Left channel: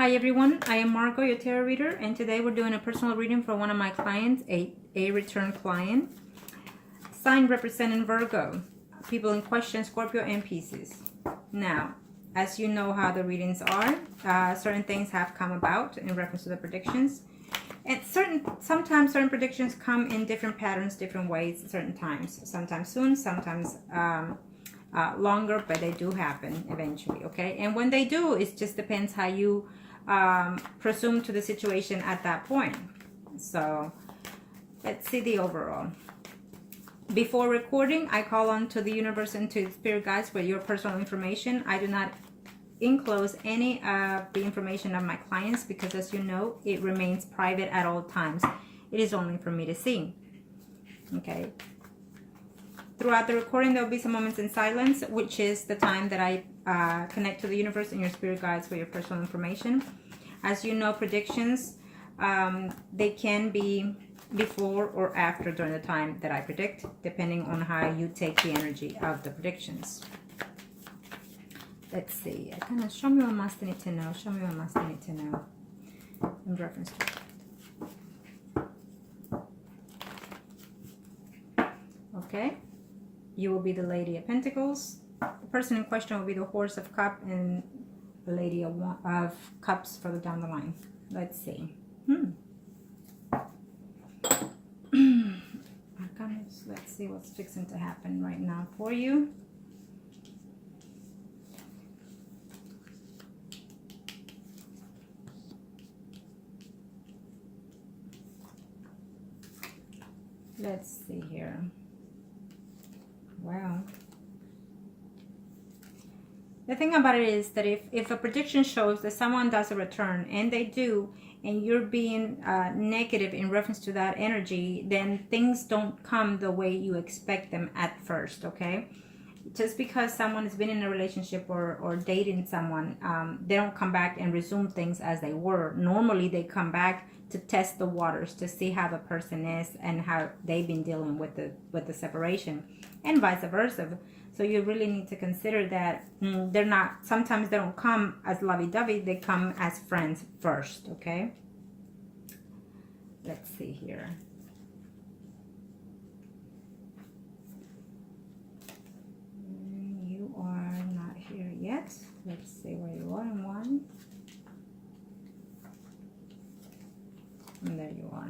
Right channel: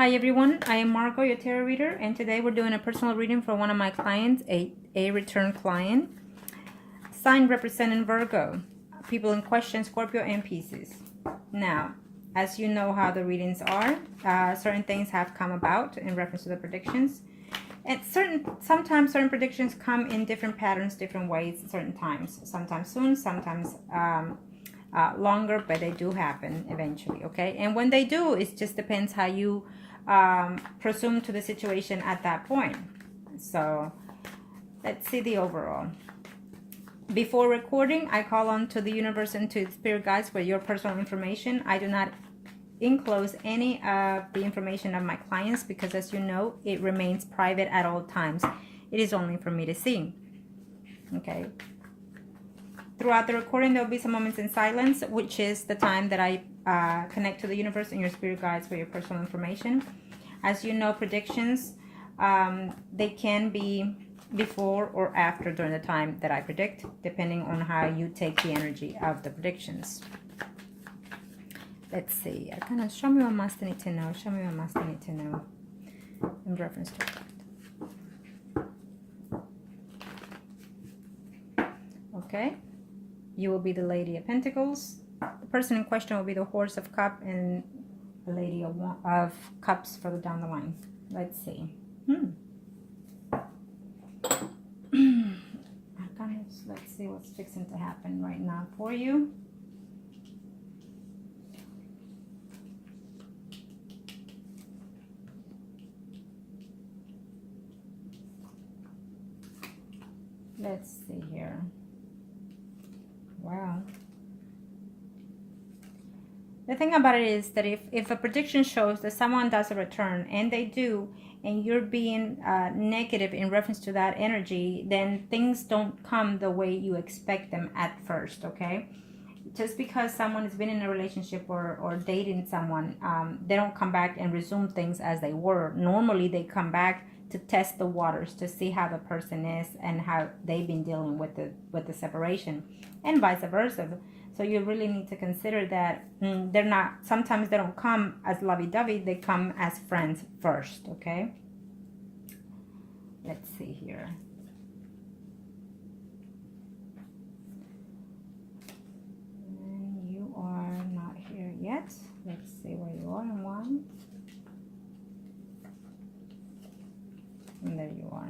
Hi everyone, I am Margo, your tarot reader, and today we're doing a personal reading for one of my clients, a return client. Sign representing Virgo, people in question, Scorpio and Pisces. Now, as you know how the readings are, certain things have come about in reference to the predictions. And sometimes certain predictions come in different patterns, different ways, certain times. Sometimes soon, sometimes longer, but they do happen eventually, okay? And when they do, it just depends how you presume to the situation at that point. So let's see the overall. Before recording, I call on to the universe and to spirit guides for your personal information. I do not enclose any of the information of my clients because, as you know, it remains private at all times. It is only for me to see. Okay. Throughout the recording, there will be some moments in silence, which is the time that I connect to the universe and your spirit guides for your personal information. As you know, predictions, they can be before or after during the time that I predict, depending on how you take the energy of the predictions. Let's see. Show me what must I need to know. Show me what must I need to know in reference to it. Okay. You will be the Lady of Pentacles. The person in question will be the Horse of Cups and the Lady of Cups further down the line. Let's see. Let's see what's fixing to happen right now for you. Let's see here. Wow. The thing about it is that if a prediction shows that someone does a return, and they do, and you're being negative in reference to that energy, then things don't come the way you expect them at first, okay? Just because someone has been in a relationship or dating someone, they don't come back and resume things as they were. Normally, they come back to test the waters, to see how the person is and how they've been dealing with the separation, and vice versa. So you really need to consider that they're not, sometimes they don't come as lovey-dovey, they come as friends first, okay? Let's see here. You are not here yet. Let's see where you are in one. And there you are.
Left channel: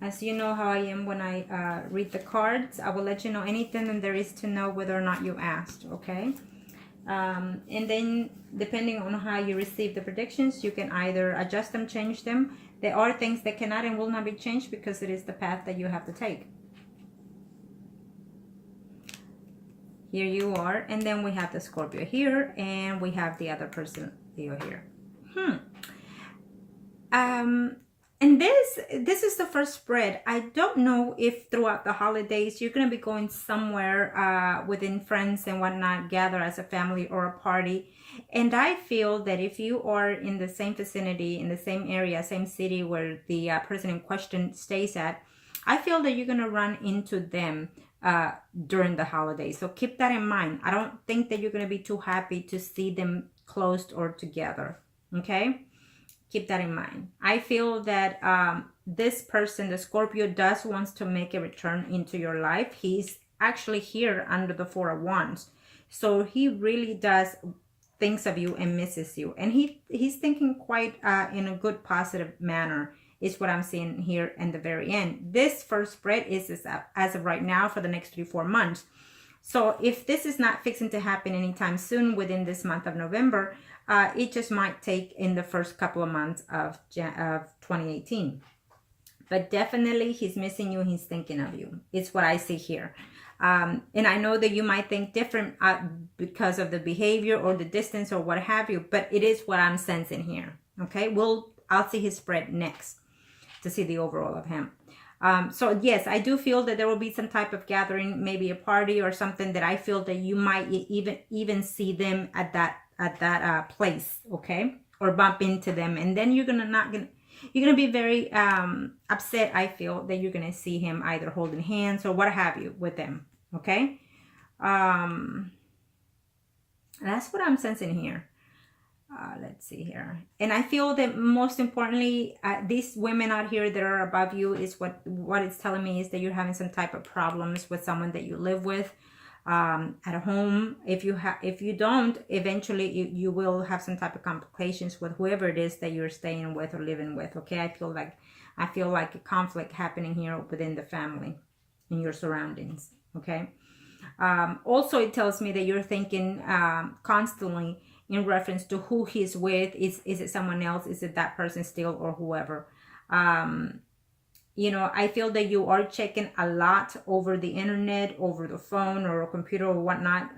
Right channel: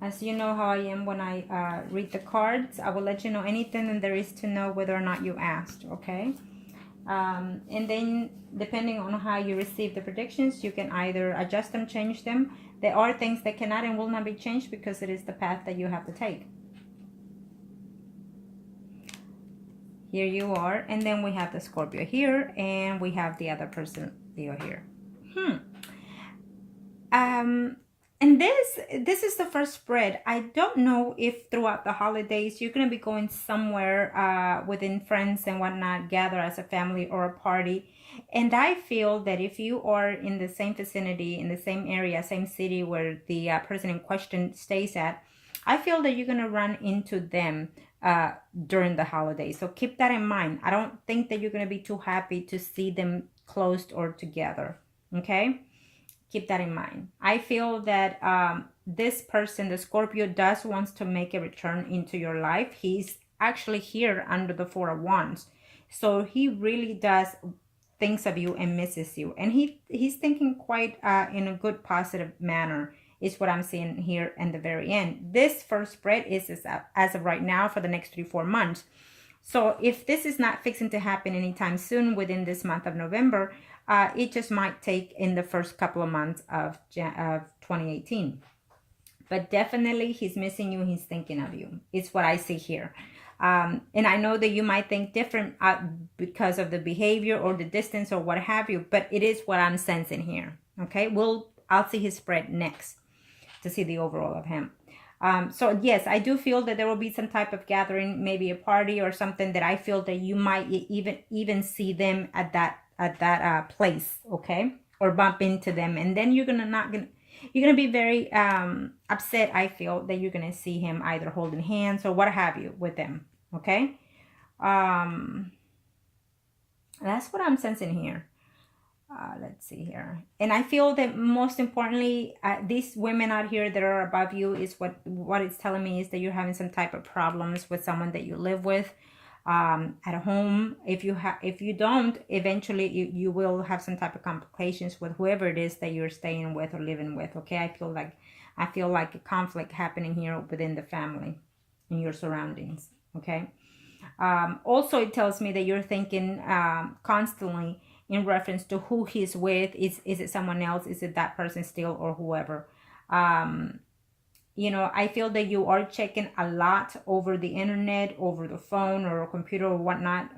As you know how I am when I read the cards, I will let you know anything that there is to know whether or not you asked, okay? And then depending on how you receive the predictions, you can either adjust them, change them. There are things that cannot and will not be changed because it is the path that you have to take. Here you are, and then we have the Scorpio here, and we have the other person, Leo, here. And this is the first spread. I don't know if throughout the holidays you're going to be going somewhere within friends and whatnot, gather as a family or a party. And I feel that if you are in the same vicinity, in the same area, same city where the person in question stays at, I feel that you're going to run into them during the holidays. So keep that in mind. I don't think that you're going to be too happy to see them closed or together. Okay? Keep that in mind. I feel that this person, the Scorpio, wants to make a return into your life. He's actually here under the Four of Wands. So he really does thinks of you and misses you. And he's thinking quite in a good, positive manner is what I'm seeing here in the very end. This first spread is as of right now for the next 3-4 months. So if this is not fixing to happen anytime soon within this month of November, it just might take in the first couple of months of 2018. But definitely he's missing you. He's thinking of you. It's what I see here. And I know that you might think different because of the behavior or the distance or what have you. But it is what I'm sensing here. Okay. I'll see his spread next to see the overall of him. So yes, I do feel that there will be some type of gathering, maybe a party or something that I feel that you might even see them at that place, okay, or bump into them, and then you're gonna be very upset. I feel that you're gonna see him either holding hands or what have you with them, okay. That's what I'm sensing here. Let's see here. And I feel that most importantly, these women out here that are above you is what it's telling me is that you're having some type of problems with someone that you live with at home. If you don't, eventually you will have some type of complications with whoever it is that you're staying with or living with. Okay, I feel like a conflict happening here within the family, in your surroundings. Okay. Also, it tells me that you're thinking constantly in reference to who he's with. Is it someone else? Is it that person still, or whoever? You know, I feel that you are checking a lot over the internet, over the phone or a computer or whatnot,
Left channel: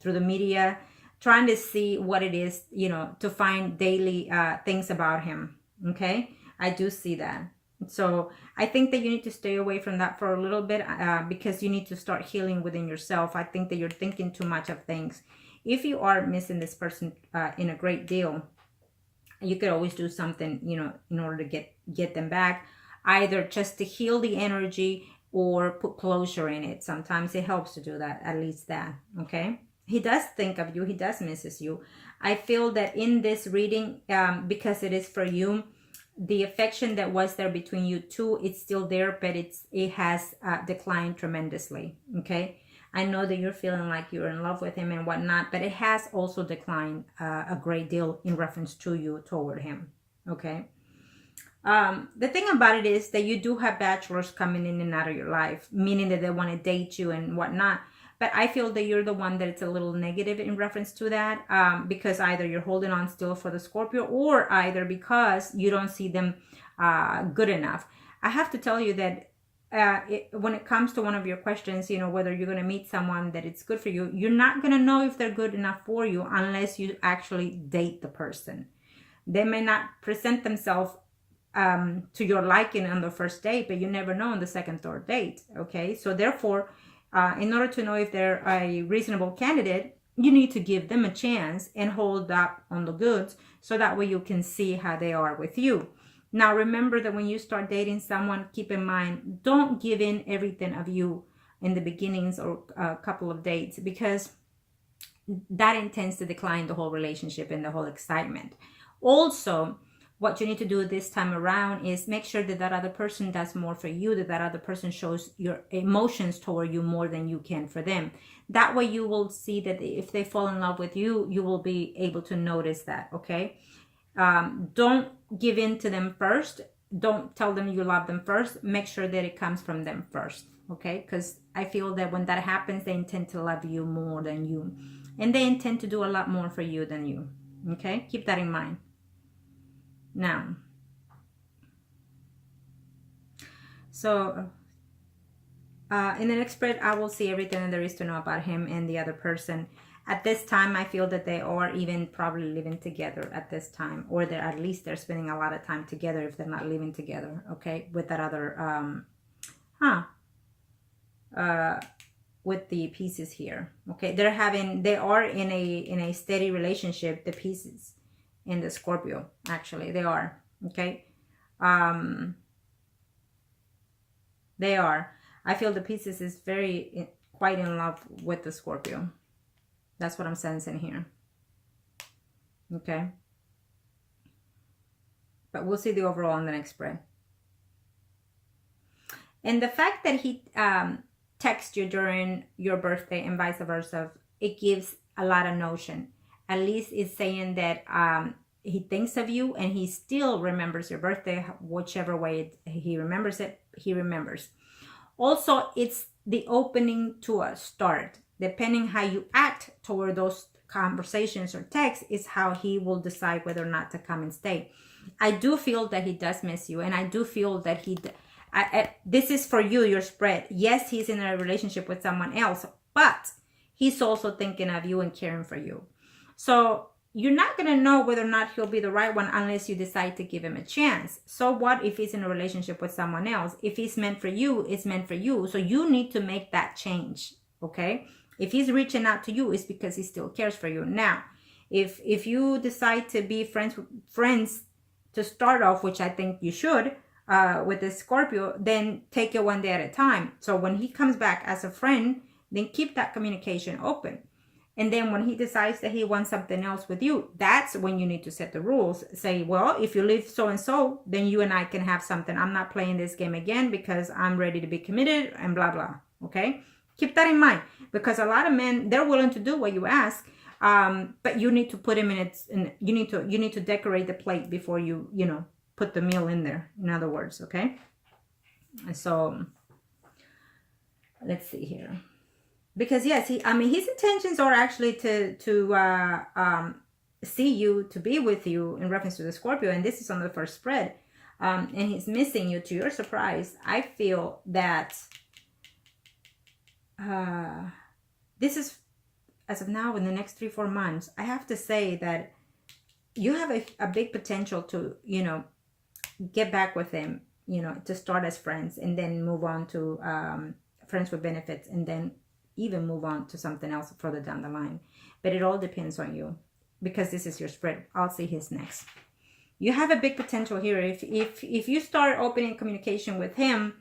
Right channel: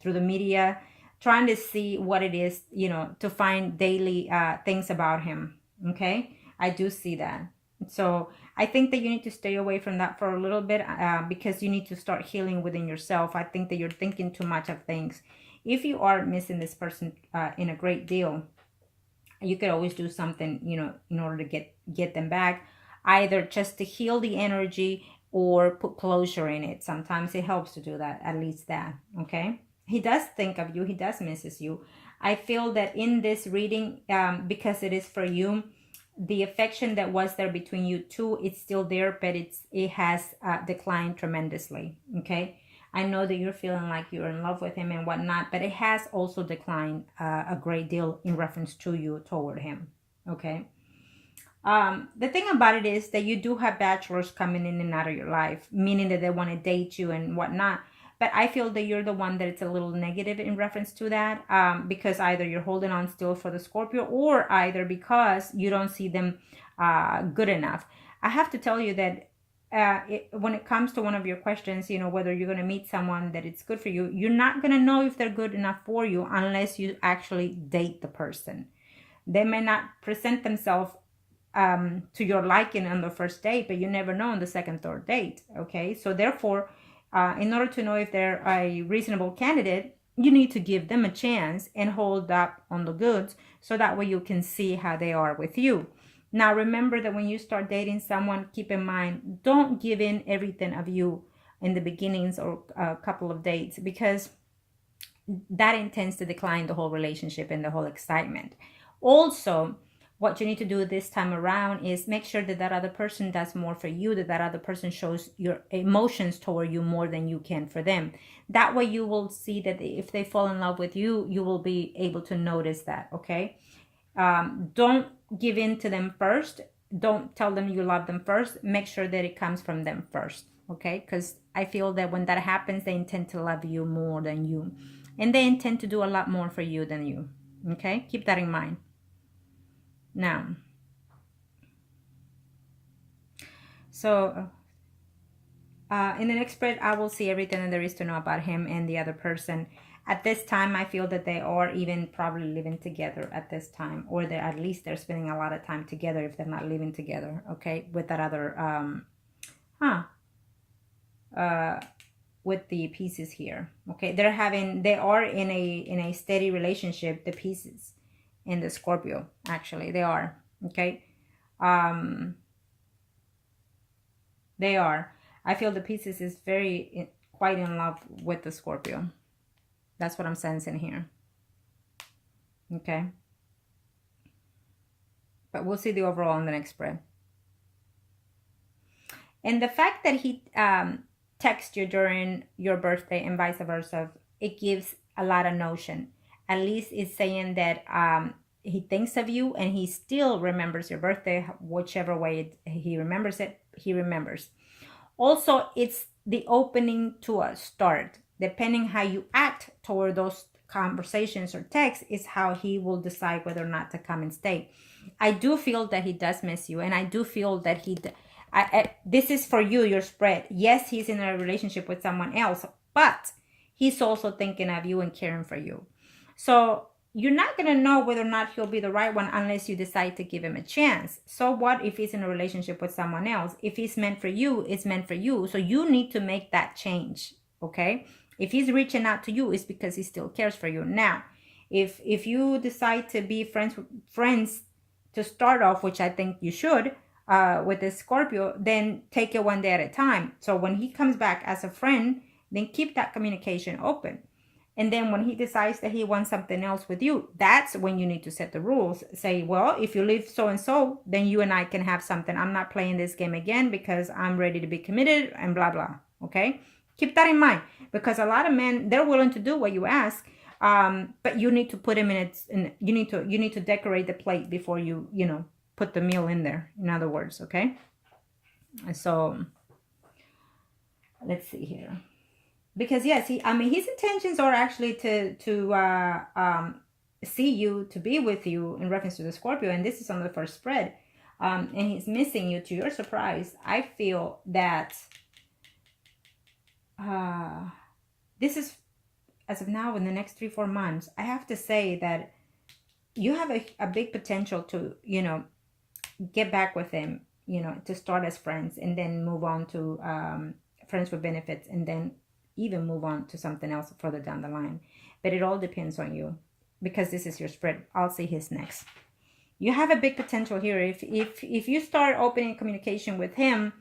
through the media, trying to see what it is, you know, to find daily things about him. Okay, I do see that. So I think that you need to stay away from that for a little bit, because you need to start healing within yourself. I think that you're thinking too much of things. If you are missing this person in a great deal, you could always do something, you know, in order to get them back, either just to heal the energy or put closure in it. Sometimes it helps to do that, at least that. Okay, he does think of you, he does misses you. I feel that in this reading, because it is for you, the affection that was there between you two, it's still there, but it has declined tremendously. Okay, I know that you're feeling like you're in love with him and whatnot, but it has also declined a great deal in reference to you toward him. Okay, the thing about it is that you do have bachelors coming in and out of your life, meaning that they want to date you and whatnot. But I feel that you're the one that it's a little negative in reference to that, because either you're holding on still for the Scorpio, or either because you don't see them good enough. I have to tell you that when it comes to one of your questions, you know, whether you're going to meet someone that it's good for you, you're not going to know if they're good enough for you unless you actually date the person. They may not present themselves to your liking on the first date, but you never know on the second, third date. Okay, so therefore, in order to know if they're a reasonable candidate, you need to give them a chance and hold up on the goods, so that way you can see how they are with you. Now, remember that when you start dating someone, keep in mind, don't give in everything of you in the beginnings or a couple of dates, because that intends to decline the whole relationship and the whole excitement. Also, what you need to do this time around is make sure that that other person does more for you, that other person shows your emotions toward you more than you can for them. That way you will see that if they fall in love with you, you will be able to notice that. Okay, don't give in to them first. Don't tell them you love them first. Make sure that it comes from them first. Okay, because I feel that when that happens, they intend to love you more than you, and they intend to do a lot more for you than you. Okay, keep that in mind. Now, so in the next spread, I will see everything that there is to know about him and the other person. At this time, I feel that they are even probably living together at this time, or they're at least they're spending a lot of time together if they're not living together. Okay, with that other with the pieces here. Okay, they are in a steady relationship. The pieces in the Scorpio, actually, they are. Okay, they are. I feel the pieces is quite in love with the Scorpio. That's what I'm sensing here. Okay, but we'll see the overall in the next spread. And the fact that he texts you during your birthday and vice versa, it gives a lot of notion. At least it's saying that he thinks of you and he still remembers your birthday, whichever way he remembers it, he remembers. Also, it's the opening to a start. Depending how you act toward those conversations or texts is how he will decide whether or not to come and stay. I do feel that he does miss you, and I do feel that this is for you, your spread. Yes, he's in a relationship with someone else, but he's also thinking of you and caring for you. So you're not going to know whether or not he'll be the right one unless you decide to give him a chance. So what if he's in a relationship with someone else? If he's meant for you, it's meant for you. So you need to make that change, okay? If he's reaching out to you, it's because he still cares for you. Now, if you decide to be friends to start off, which I think you should, with this Scorpio, then take it one day at a time. So when he comes back as a friend, then keep that communication open. And then when he decides that he wants something else with you, that's when you need to set the rules. Say, well, if you leave so and so, then you and I can have something. I'm not playing this game again because I'm ready to be committed and blah, blah. Okay? Keep that in mind, because a lot of men, they're willing to do what you ask, but you need to put him in its, you need to decorate the plate before you put the meal in there. In other words, okay? So let's see here. Because yes, his intentions are actually to see you, to be with you in reference to the Scorpio, and this is on the first spread, and he's missing you. To your surprise, I feel that this is, as of now, in the next 3-4 months, I have to say that you have a big potential to get back with him, to start as friends and then move on to friends with benefits, and then even move on to something else further down the line. But it all depends on you, because this is your spread. I'll see his next. You have a big potential here. If you start opening communication with him,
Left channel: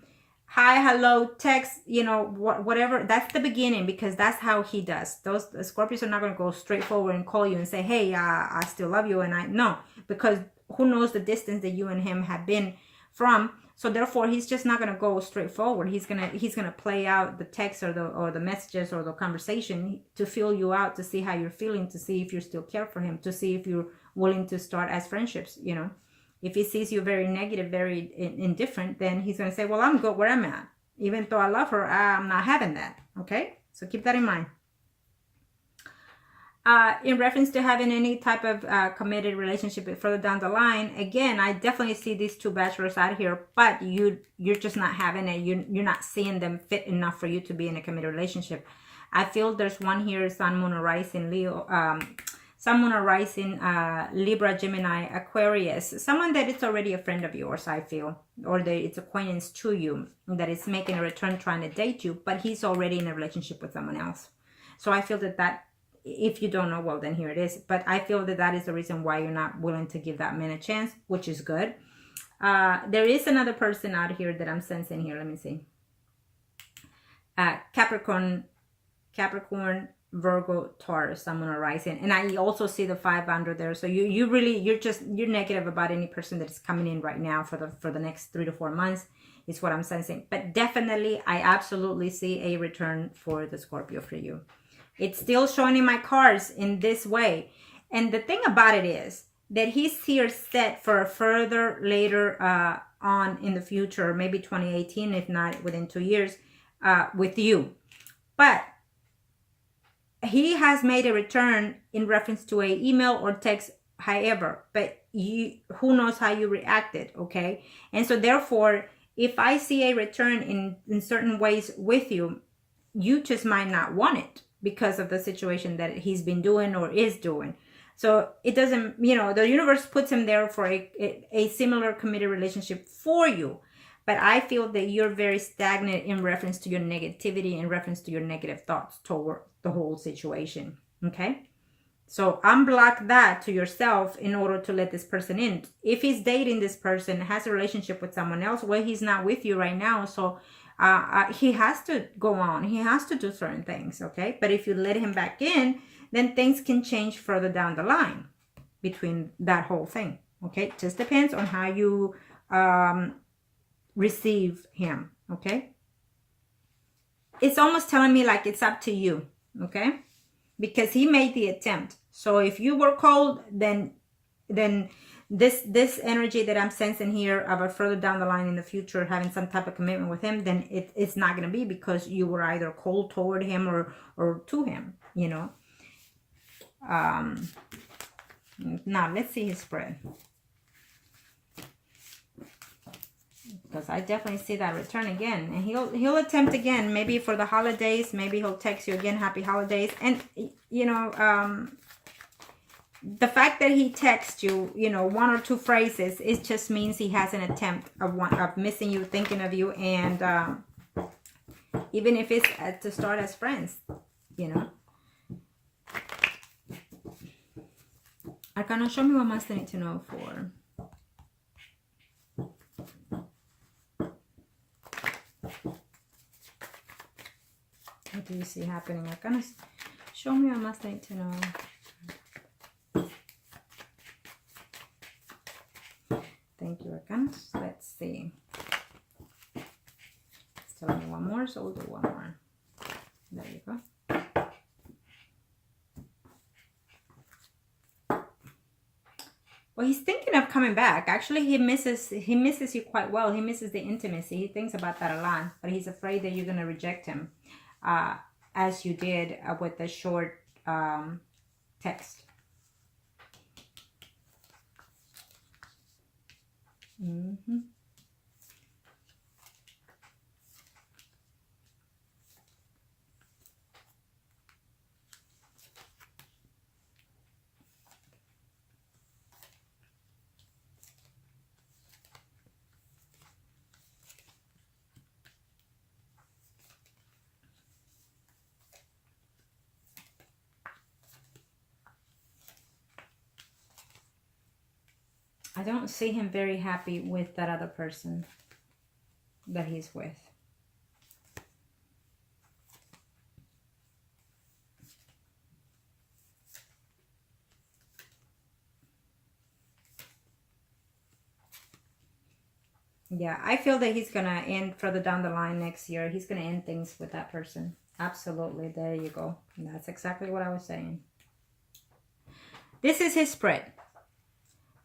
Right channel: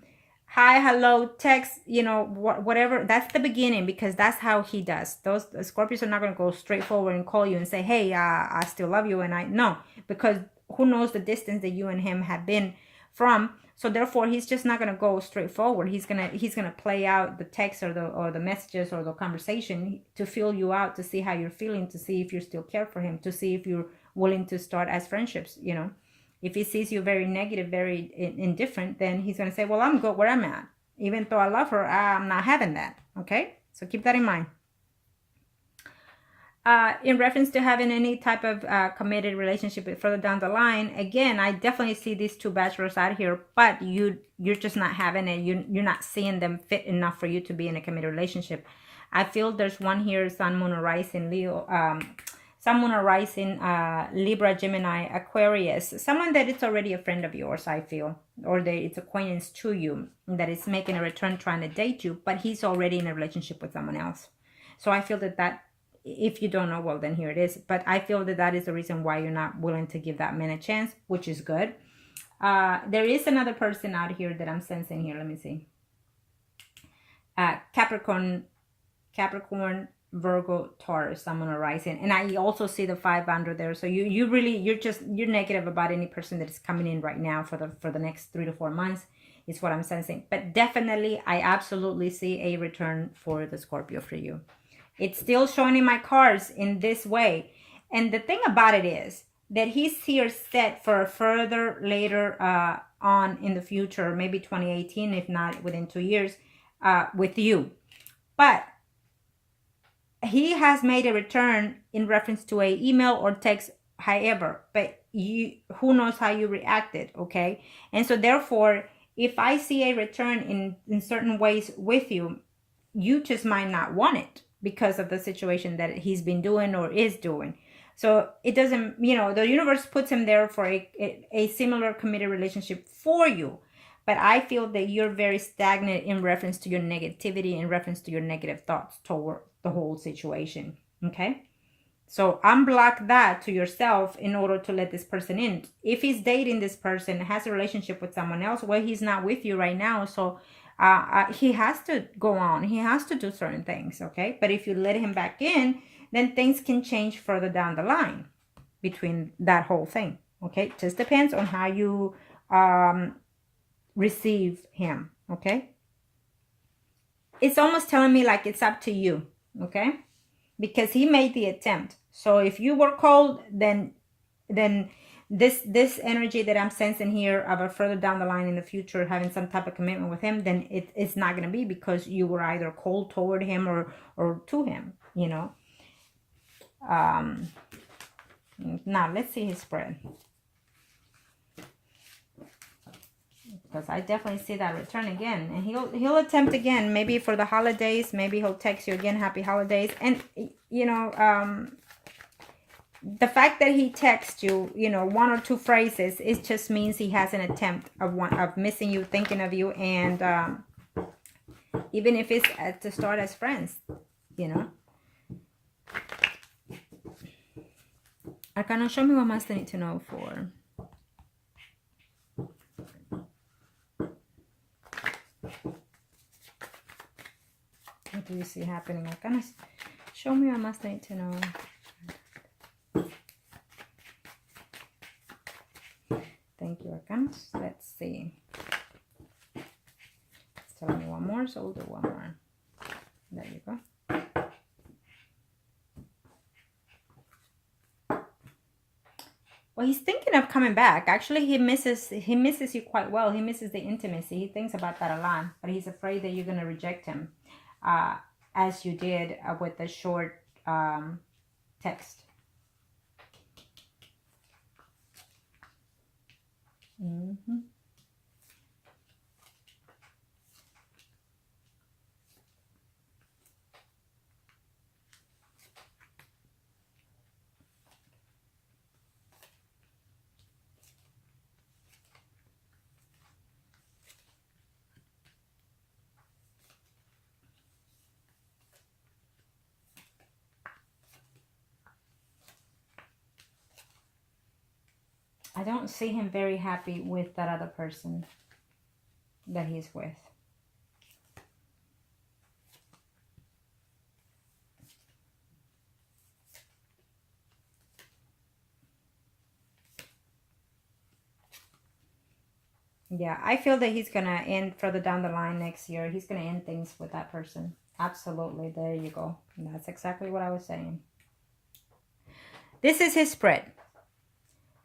hi, hello, text, whatever, that's the beginning, because that's how he does. Those Scorpios are not going to go straight forward and call you and say, hey, I still love you, and no, because who knows the distance that you and him have been from. So therefore, he's just not going to go straight forward. He's gonna play out the text or the messages or the conversation to feel you out, to see how you're feeling, to see if you still care for him, to see if you're willing to start as friendships. If he sees you very negative, very indifferent, then he's gonna say, well, I'm good where I'm at. Even though I love her, I'm not having that. Okay, so keep that in mind. In reference to having any type of committed relationship further down the line, again, I definitely see these two bachelors out here, but you're just not having it. You're not seeing them fit enough for you to be in a committed relationship. I feel there's one here, Sun, Moon, or Rising, Leo, Sun, Moon, or Rising, Libra, Gemini, Aquarius, someone that is already a friend of yours, I feel, or that it's acquaintance to you, that is making a return trying to date you, but he's already in a relationship with someone else. So I feel that if you don't know, well, then here it is. But I feel that is the reason why you're not willing to give that man a chance, which is good. There is another person out here that I'm sensing here. Let me see. Capricorn, Virgo, Taurus, someone arising. And I also see the 5 under there. So you're negative about any person that is coming in right now for the next 3 to 4 months is what I'm sensing. But definitely, I absolutely see a return for the Scorpio for you. It's still showing in my cards in this way. And the thing about it is that he's here set for a further later on in the future, maybe 2018, if not within 2 years, with you. But he has made a return in reference to a email or text, however, but who knows how you reacted, okay? And so therefore, if I see a return in certain ways with you, you just might not want it, because of the situation that he's been doing or is doing. So it doesn't, the universe puts him there for a similar committed relationship for you. But I feel that you're very stagnant in reference to your negativity, in reference to your negative thoughts toward the whole situation. Okay? So unblock that to yourself in order to let this person in. If he's dating this person, has a relationship with someone else, well, he's not with you right now. So he has to go on. He has to do certain things, okay? But if you let him back in, then things can change further down the line between that whole thing, okay? It just depends on how you receive him, okay? It's almost telling me like it's up to you, okay? Because he made the attempt. So if you were cold, then this energy that I'm sensing here of a further down the line in the future having some type of commitment with him, then it's not going to be because you were either cold toward him or to him, Now let's see his spread, because I definitely see that return again, and he'll attempt again, maybe for the holidays. Maybe he'll text you again, happy holidays. And the fact that he texts you, 1 or 2 phrases, it just means he has an attempt of missing you, thinking of you, and even if it's to start as friends, Arcano, show me what más they need to know for. What do you see happening, Arcano? Show me, I must need to know. Thank you, Arcanos. Let's see. It's telling me one more, so we'll do one more. There you go. Well, he's thinking of coming back. Actually, he misses you quite well. He misses the intimacy. He thinks about that a lot, but he's afraid that you're going to reject him, as you did with the short text. I don't see him very happy with that other person that he's with. Yeah, I feel that he's going to end further down the line next year. He's going to end things with that person. Absolutely. There you go. And that's exactly what I was saying. This is his spread.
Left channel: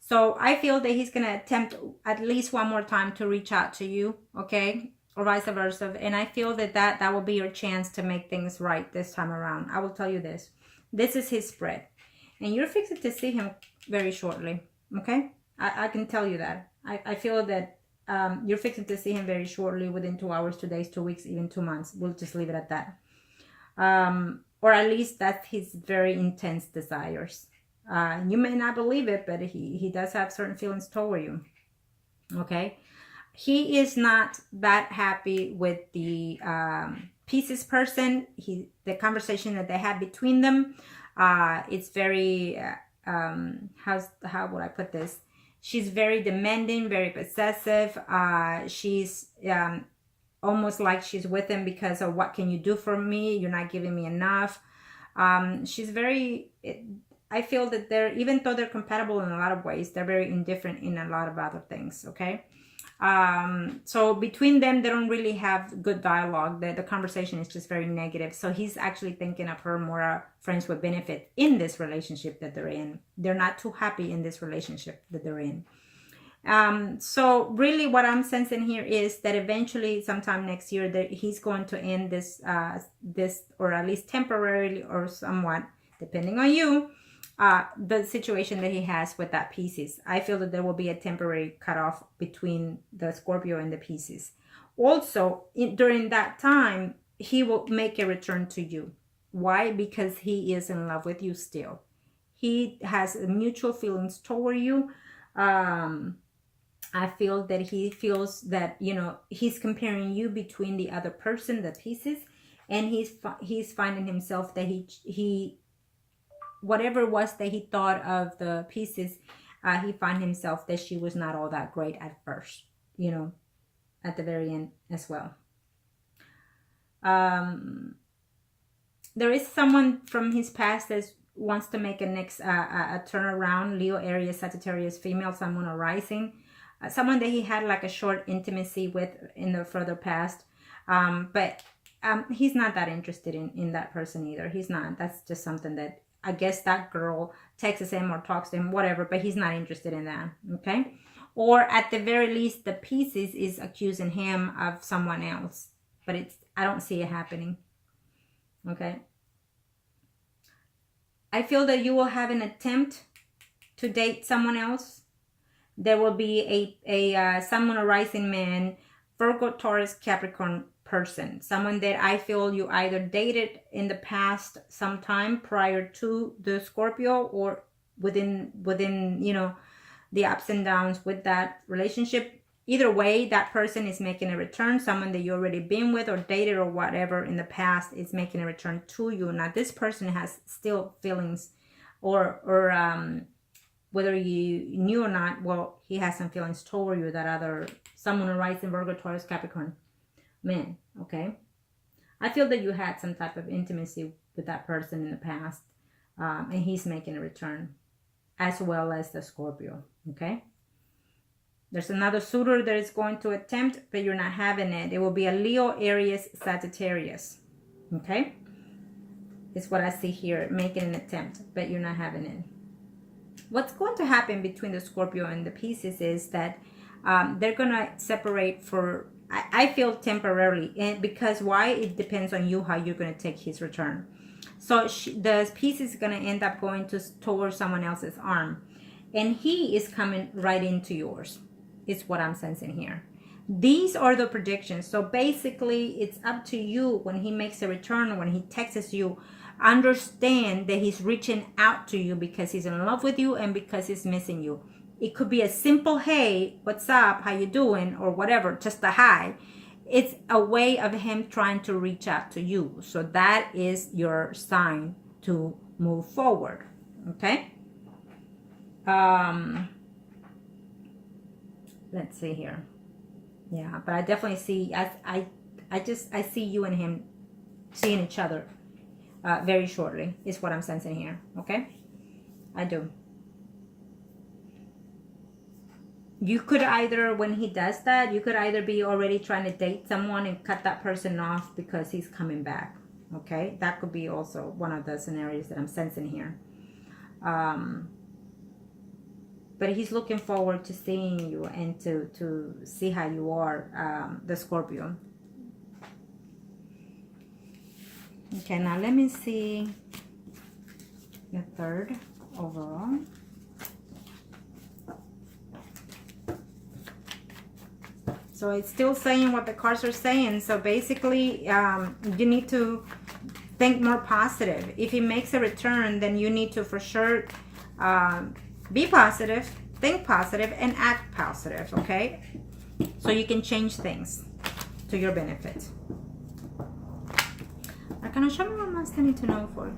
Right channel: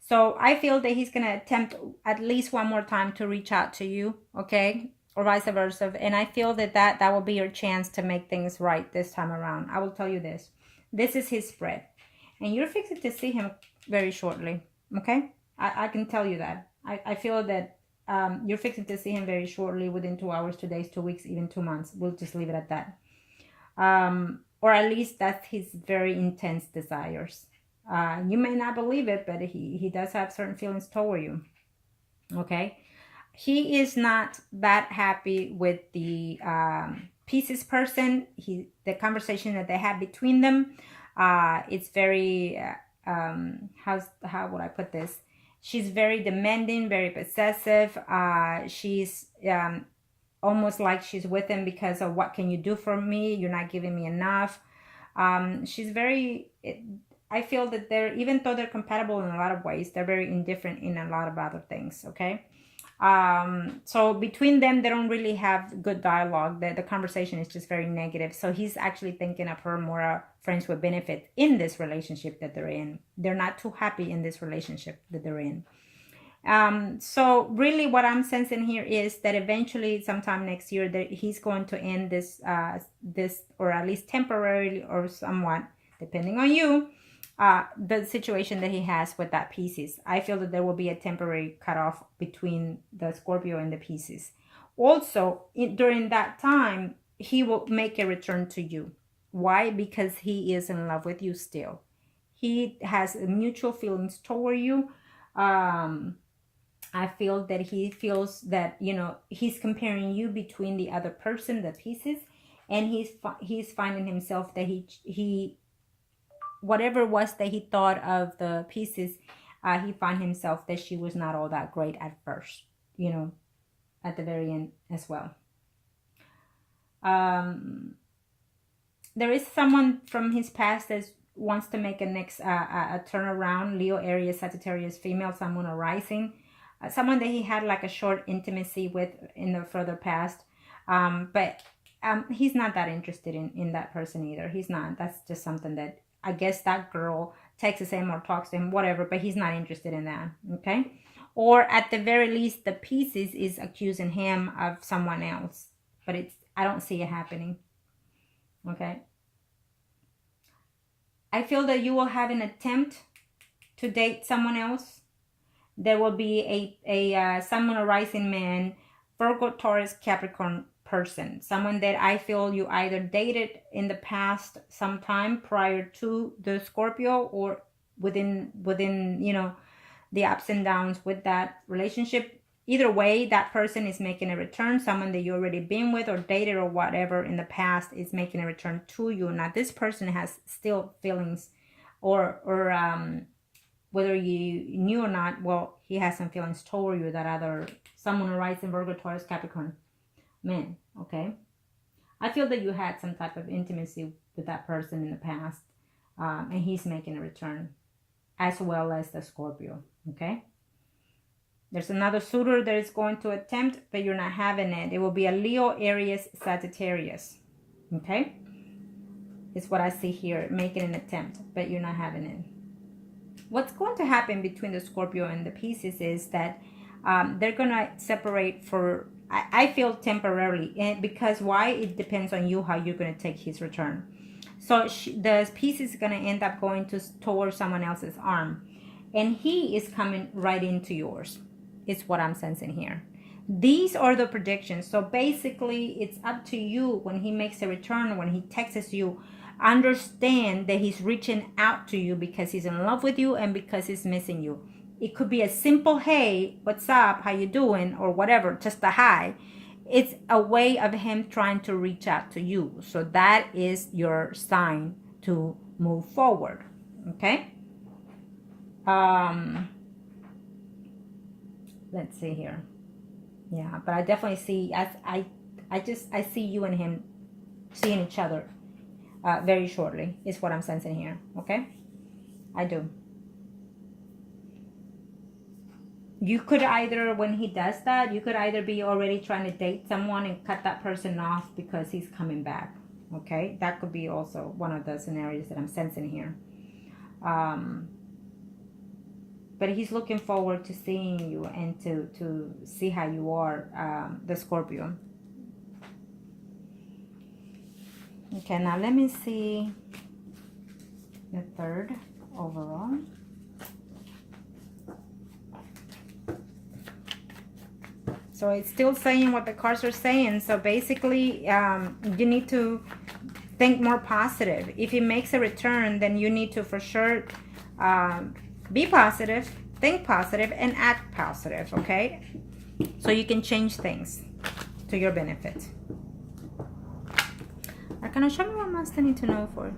So I feel that he's going to attempt at least one more time to reach out to you, okay? Or vice versa. And I feel that that will be your chance to make things right this time around. I will tell you this. This is his spread. And you're fixing to see him very shortly, okay? I can tell you that. I feel that you're fixing to see him very shortly, within 2 hours, 2 days, 2 weeks, even 2 months. We'll just leave it at that. Or at least that's his very intense desires. You may not believe it, but he does have certain feelings toward you. Okay. He is not that happy with the Pisces person. The conversation that they had between them, it's very, how would I put this? She's very demanding, very possessive. She's almost like she's with him because of, what can you do for me? You're not giving me enough. She's very... I feel that even though they're compatible in a lot of ways, they're very indifferent in a lot of other things, okay? So between them, they don't really have good dialogue. The conversation is just very negative. So he's actually thinking of her more friends with benefit in this relationship that they're in. They're not too happy in this relationship that they're in. So really what I'm sensing here is that eventually sometime next year that he's going to end this, or at least temporarily or somewhat, depending on you, the situation that he has with that Pisces. I feel that there will be a temporary cutoff between the Scorpio and the Pisces. Also, during that time, he will make a return to you. Why? Because he is in love with you still. He has mutual feelings toward you. I feel that he feels that, he's comparing you between the other person, the Pisces, and he's finding himself that he whatever it was that he thought of the Pisces, he found himself that she was not all that great at first, at the very end as well. There is someone from his past that wants to make a turnaround. Leo, Aries, Sagittarius, female, someone arising. Someone that he had like a short intimacy with in the further past. But he's not that interested in that person either. He's not. That's just something that I guess that girl texts him or talks to him, whatever, but he's not interested in that, okay? Or at the very least, the Pisces is accusing him of someone else, but I don't see it happening, okay? I feel that you will have an attempt to date someone else. There will be a someone arising man, Virgo, Taurus, Capricorn person, someone that I feel you either dated in the past sometime prior to the Scorpio, or within the ups and downs with that relationship. Either way, that person is making a return. Someone that you already been with or dated or whatever in the past is making a return to you. Now this person has still feelings, or whether you knew or not, well, he has some feelings toward you, that other someone arising Virgo, Taurus, Capricorn man, okay? I feel that you had some type of intimacy with that person in the past. And he's making a return, as well as the Scorpio, okay? There's another suitor that is going to attempt, but you're not having it. It will be a Leo, Aries, Sagittarius, okay? It's what I see here, making an attempt, but you're not having it. What's going to happen between the Scorpio and the Pisces is that they're going to separate for, I feel, temporarily. And because why? It depends on you how you're going to take his return. So the Pisces is going to end up going towards someone else's arm. And he is coming right into yours. Is what I'm sensing here. These are the predictions. So basically, it's up to you when he makes a return, when he texts you. Understand that he's reaching out to you because he's in love with you and because he's missing you. It could be a simple, hey, what's up? How you doing? Or whatever, just a hi. It's a way of him trying to reach out to you. So that is your sign to move forward. Okay? Let's see here. Yeah, but I definitely see, I see you and him seeing each other very shortly, is what I'm sensing here. Okay? I do. You could either, when he does that, you could either be already trying to date someone and cut that person off because he's coming back. Okay? That could be also one of the scenarios that I'm sensing here. But he's looking forward to seeing you and to see how you are, the Scorpio. Okay, now let me see the third overall. So it's still saying what the cards are saying. So basically, you need to think more positive. If he makes a return, then you need to for sure be positive, think positive, and act positive, okay? So you can change things to your benefit. Arcana, show me what else I need to know for.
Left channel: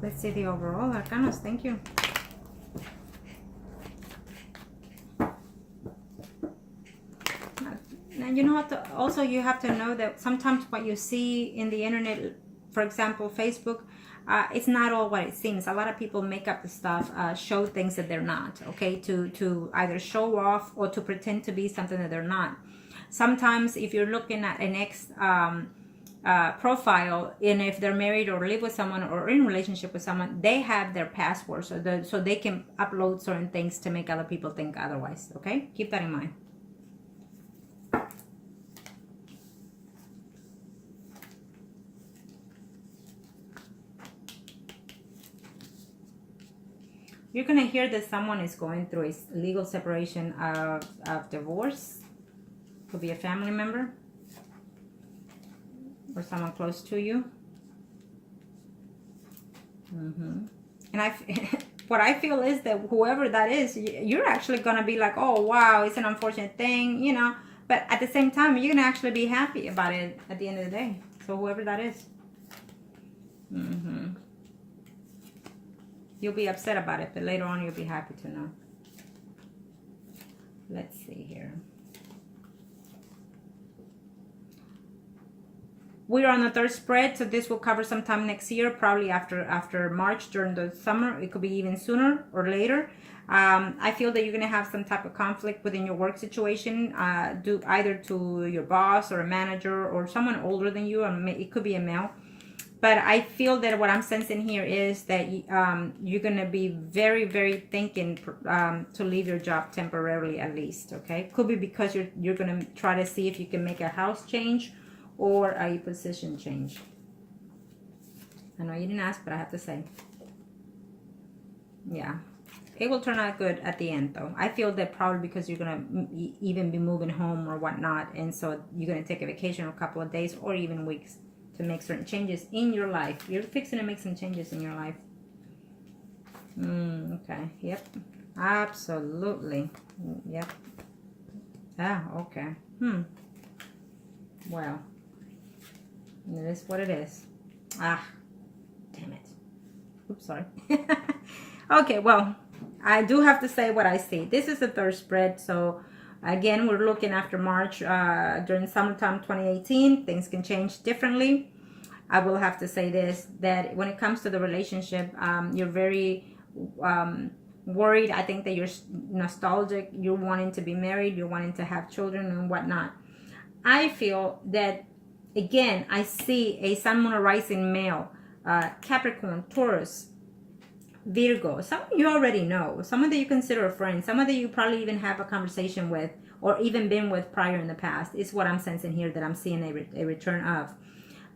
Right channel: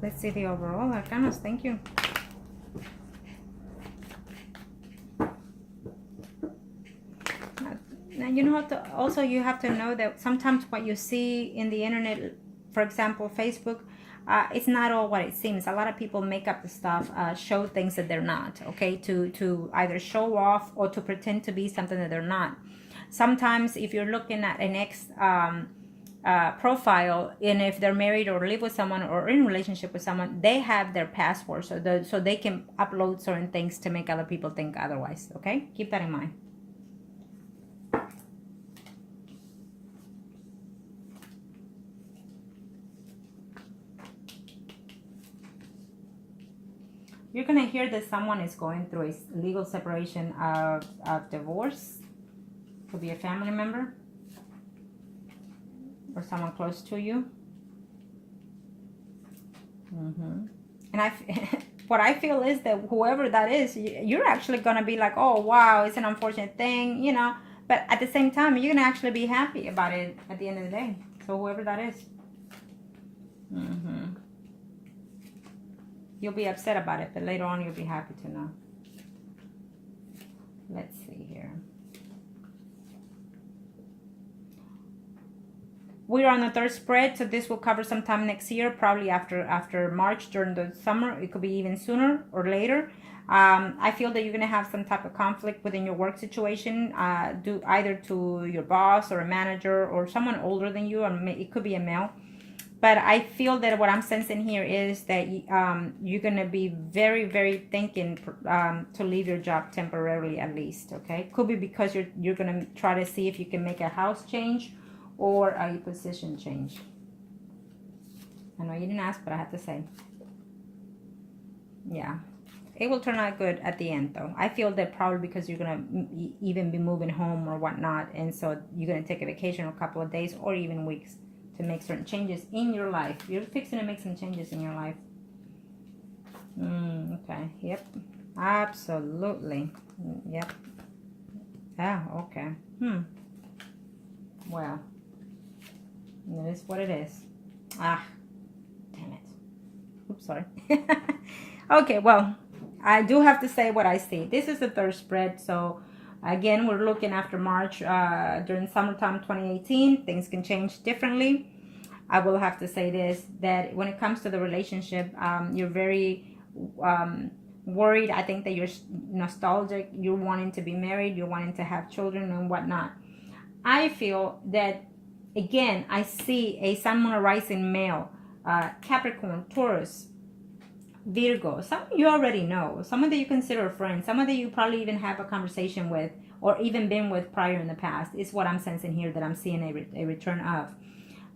Let's see the overall arcanas. Thank you. Now, you know what? Also, you have to know that sometimes what you see in the internet, for example, Facebook, it's not all what it seems. A lot of people make up the stuff, show things that they're not, okay, to either show off or to pretend to be something that they're not. Sometimes if you're looking at an ex profile, and if they're married or live with someone or in a relationship with someone, they have their password, so they can upload certain things to make other people think otherwise, okay? Keep that in mind. You're going to hear that someone is going through a legal separation of divorce. Could be a family member or someone close to you. And what I feel is that whoever that is, you're actually going to be like, oh, wow, it's an unfortunate thing, you know. But at the same time, you're going to actually be happy about it at the end of the day. So whoever that is. You'll be upset about it, but later on you'll be happy to know. Let's see here. We're on the third spread, so this will cover sometime next year, probably after March, during the summer. It could be even sooner or later. I feel that you're going to have some type of conflict within your work situation, due either to your boss or a manager or someone older than you, and it could be a male. But I feel that what I'm sensing here is that you're going to be very, very thinking to leave your job temporarily, at least, okay? Could be because you're going to try to see if you can make a house change or a position change. I know you didn't ask, but I have to say. Yeah. It will turn out good at the end, though. I feel that probably because you're going to even be moving home or whatnot, and so you're going to take a vacation or a couple of days or even weeks to make certain changes in your life. You're fixing to make some changes in your life. Okay. Yep. Absolutely. Yep. Ah, okay. Well, it is what it is. Ah, damn it. Oops, sorry. Okay, well, I do have to say what I see. This is the third spread, so Again, we're looking after March, during summertime 2018. Things can change differently. I will have to say this, that when it comes to the relationship, you're very worried. I think that you're nostalgic. You're wanting to be married. You're wanting to have children and whatnot. I feel that, again, I see a sun, moon, or rising male, Capricorn, Taurus, Virgo. Some of you already know. Someone that you consider a friend. Someone that you probably even have a conversation with or even been with prior in the past is what I'm sensing here, that I'm seeing a return of.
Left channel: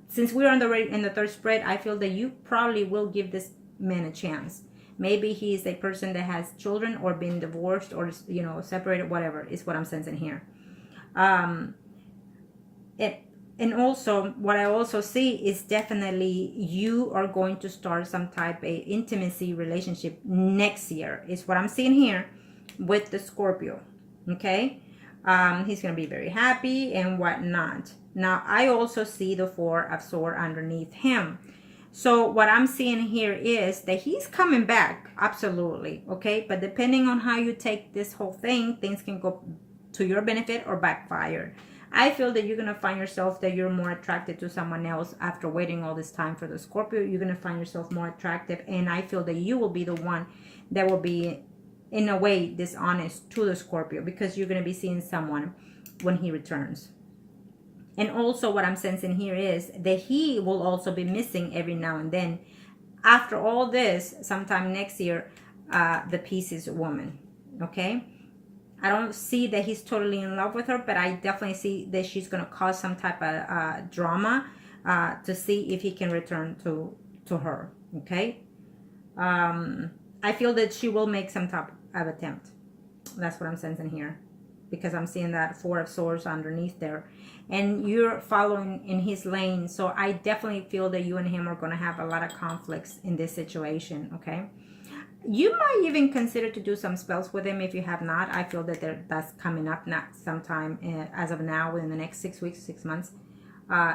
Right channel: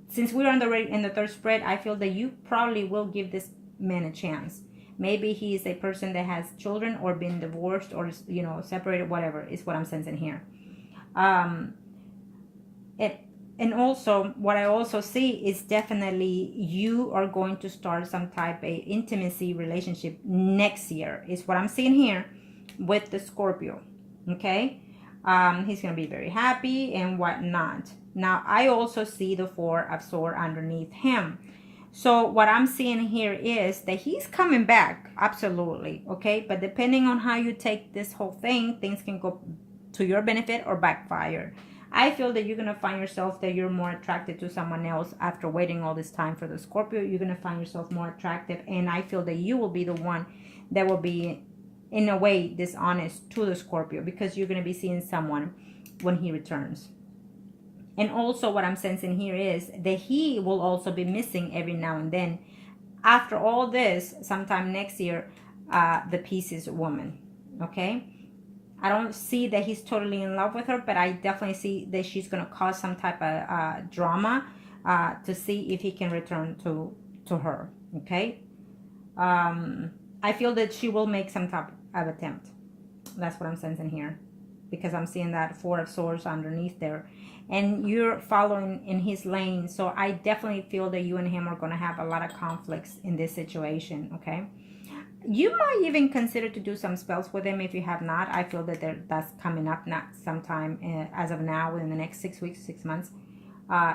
Since we're in the third spread, I feel that you probably will give this man a chance. Maybe he is a person that has children or been divorced or, you know, separated, whatever is what I'm sensing here. And also, what I also see is definitely you are going to start some type of intimacy relationship next year, is what I'm seeing here with the Scorpio. Okay? He's going to be very happy and whatnot. Now, I also see the Four of Swords underneath him. So what I'm seeing here is that he's coming back, absolutely, okay? But depending on how you take this whole thing, things can go to your benefit or backfire. I feel that you're going to find yourself that you're more attracted to someone else after waiting all this time for the Scorpio. You're going to find yourself more attractive, and I feel that you will be the one that will be, in a way, dishonest to the Scorpio, because you're going to be seeing someone when he returns. And also what I'm sensing here is that he will also be missing every now and then. After all this, sometime next year, the Pieces woman, okay? I don't see that he's totally in love with her, but I definitely see that she's going to cause some type of drama to see if he can return to her, okay? I feel that she will make some type of attempt. That's what I'm sensing here, because I'm seeing that Four of Swords underneath there. And you're following in his lane. So I definitely feel that you and him are going to have a lot of conflicts in this situation, okay? You might even consider to do some spells with him if you have not. I feel that that's coming up next sometime as of now, within the next 6 weeks, 6 months.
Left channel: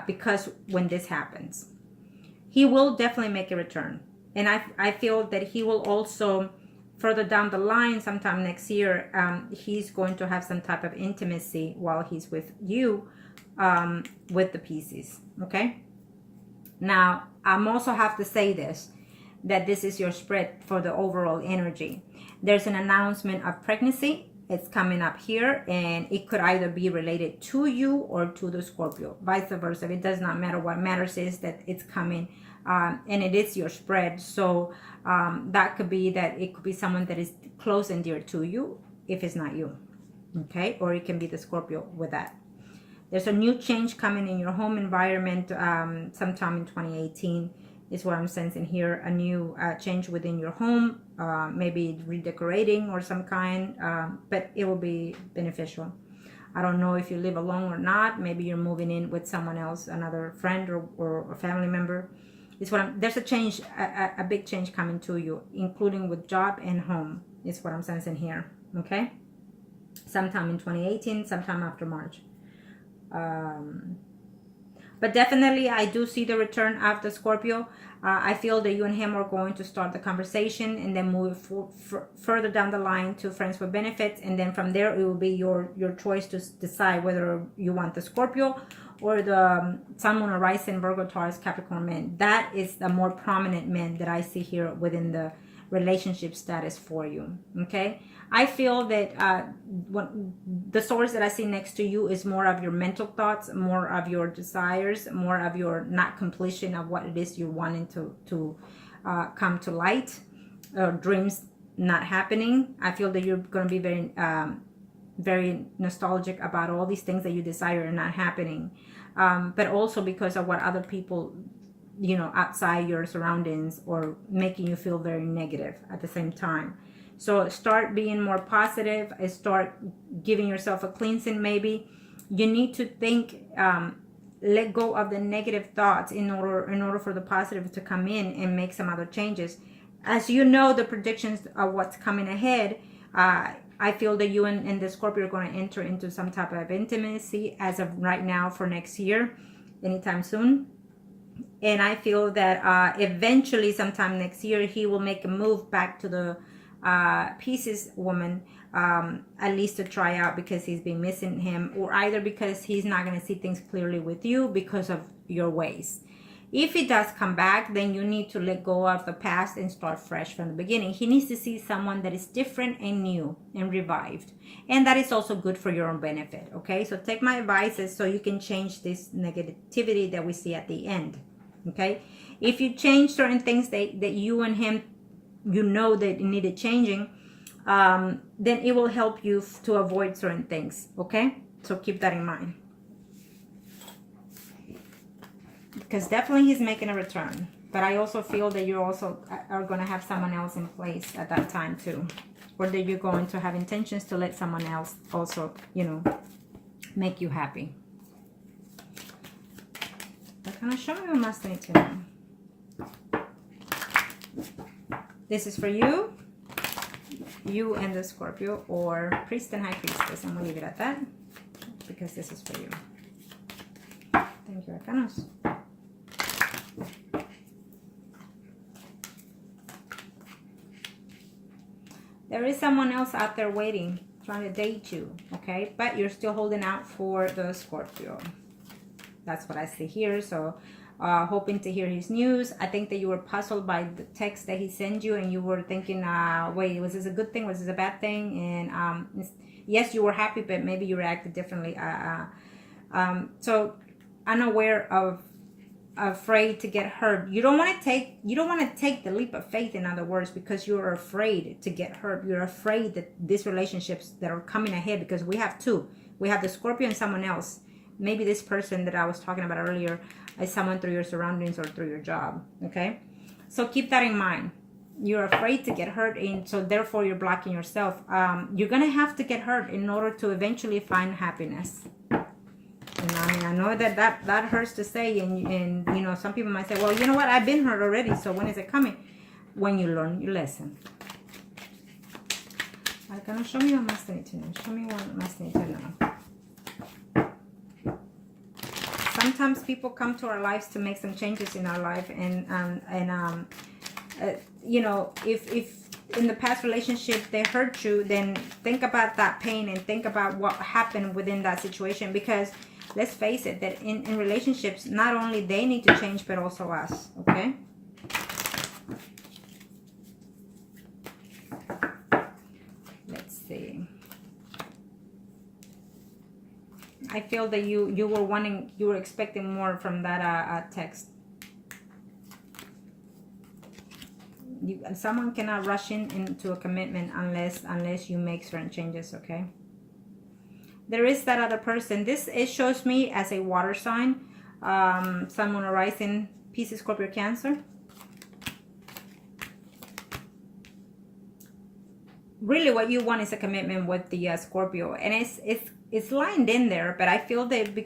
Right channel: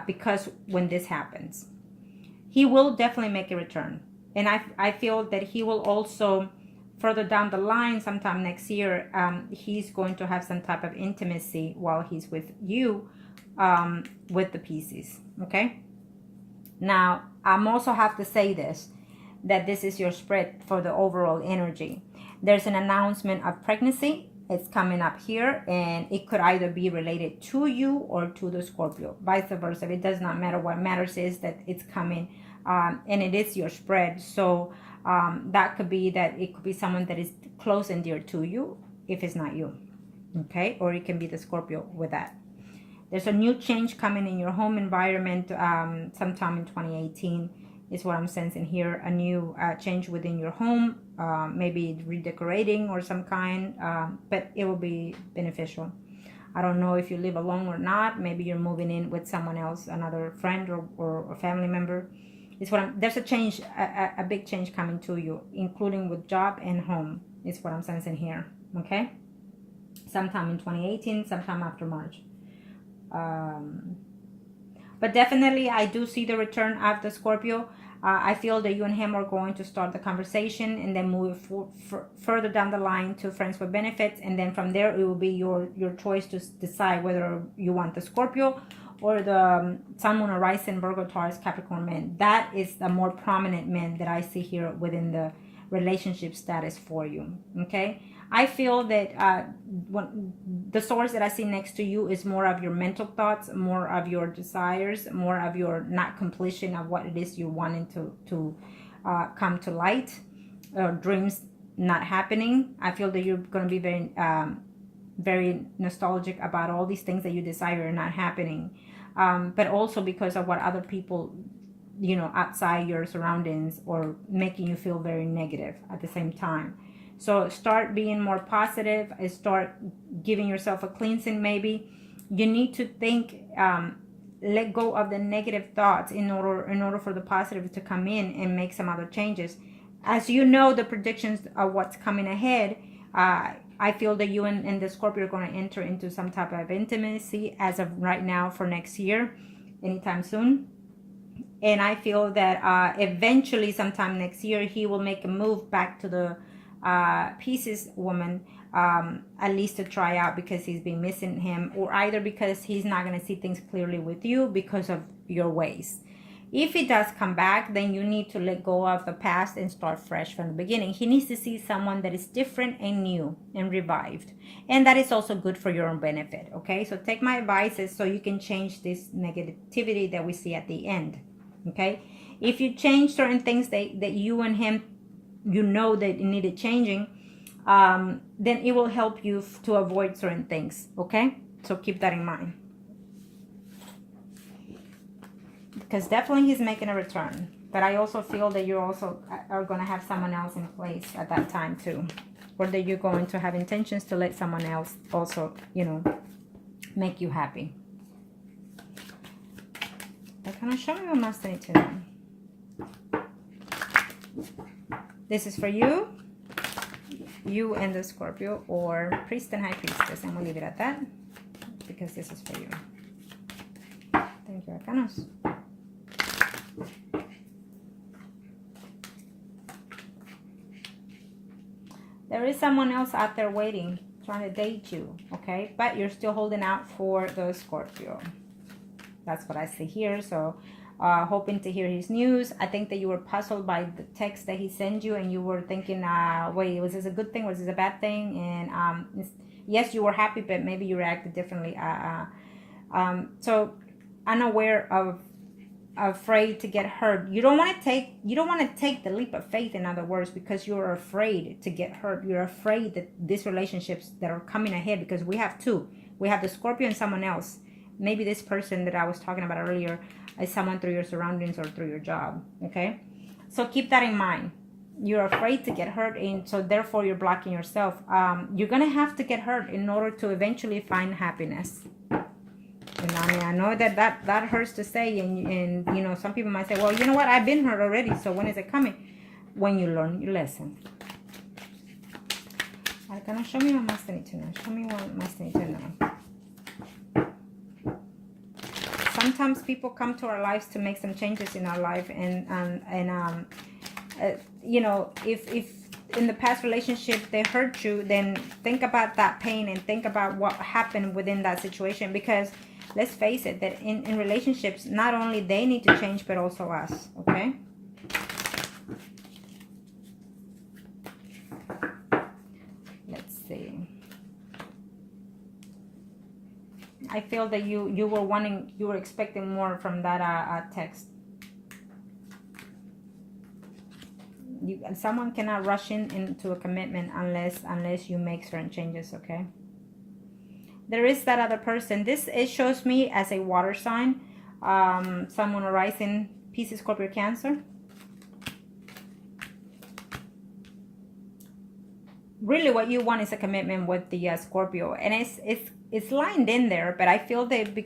Because when this happens, he will definitely make a return. And I feel that he will also, further down the line, sometime next year, he's going to have some type of intimacy while he's with you, with the Pieces, okay? Now, I'm also have to say this, that this is your spread for the overall energy. There's an announcement of pregnancy. It's coming up here, and it could either be related to you or to the Scorpio, vice versa. It does not matter. What matters is that it's coming, and it is your spread. So that could be that it could be someone that is close and dear to you if it's not you, okay? Or it can be the Scorpio with that. There's a new change coming in your home environment sometime in 2018 is what I'm sensing here. A new change within your home, maybe redecorating or some kind, but it will be beneficial. I don't know if you live alone or not. Maybe you're moving in with someone else, another friend or a family member. It's what there's a change, a big change coming to you, including with job and home. Is what I'm sensing here, okay? Sometime in 2018, sometime after March. But definitely, I do see the return of the Scorpio. I feel that you and him are going to start the conversation and then move further down the line to friends with benefits. And then from there, it will be your choice to decide whether you want the Scorpio or the Sun, Moon, or Rising, Virgo, Taurus, Capricorn man. That is the more prominent man that I see here within the relationship status for you, okay? I feel that the source that I see next to you is more of your mental thoughts, more of your desires, more of your not completion of what it is you're wanting to come to light, dreams not happening. I feel that you're going to be very nostalgic about all these things that you desire are not happening, but also because of what other people, you know, outside your surroundings, or making you feel very negative at the same time. So start being more positive, and start giving yourself a cleansing. Maybe you need to think, let go of the negative thoughts in order for the positive to come in and make some other changes. As you know, the predictions of what's coming ahead, I feel that you and the Scorpio are going to enter into some type of intimacy as of right now for next year, anytime soon. And I feel that eventually, sometime next year, he will make a move back to the Pisces woman, at least to try out, because he's been missing him, or either because he's not going to see things clearly with you because of your ways. If he does come back, then you need to let go of the past and start fresh from the beginning. He needs to see someone that is different and new and revived. And that is also good for your own benefit, okay? So take my advices so you can change this negativity that we see at the end, okay? If you change certain things that you and him, you know that needed changing, then it will help you to avoid certain things, okay? So keep that in mind. Because definitely he's making a return. But I also feel that you also are going to have someone else in place at that time too. Or that you're going to have intentions to let someone else also, you know, make you happy. But can I show me what must need to know? This is for you. You and the Scorpio, or Priest and High Priestess. I'm going to leave it at that. Because this is for you. Thank you, Arcanos. There is someone else out there waiting, trying to date you, okay? But you're still holding out for the Scorpio. That's what I see here. So, hoping to hear his news. I think that you were puzzled by the text that he sent you, and you were thinking, wait, was this a good thing? Was this a bad thing? And yes, you were happy, but maybe you reacted differently. So, unaware of, afraid to get hurt. You don't want to take the leap of faith, in other words, because you're afraid to get hurt. You're afraid that these relationships that are coming ahead, because we have two. We have the Scorpio and someone else. Maybe this person that I was talking about earlier is someone through your surroundings or through your job, okay? So keep that in mind. You're afraid to get hurt, and so therefore you're blocking yourself. You're going to have to get hurt in order to eventually find happiness. And I know that hurts to say, and you know, some people might say, well, you know what, I've been hurt already, so when is it coming? When you learn your lesson. Can you show me what must need to know? Show me what must need to know. Sometimes people come to our lives to make some changes in our life, and you know, if in the past relationship they hurt you, then think about that pain and think about what happened within that situation, because let's face it, that in relationships, not only they need to change, but also us, okay? Let's see. I feel that you were expecting more from that text. Someone cannot rush into a commitment unless you make certain changes, okay? There is that other person. It shows me as a water sign, someone arising, Pisces, Scorpio, Cancer. Really, what you want is a commitment with the Scorpio, and it's lined in there. But I feel that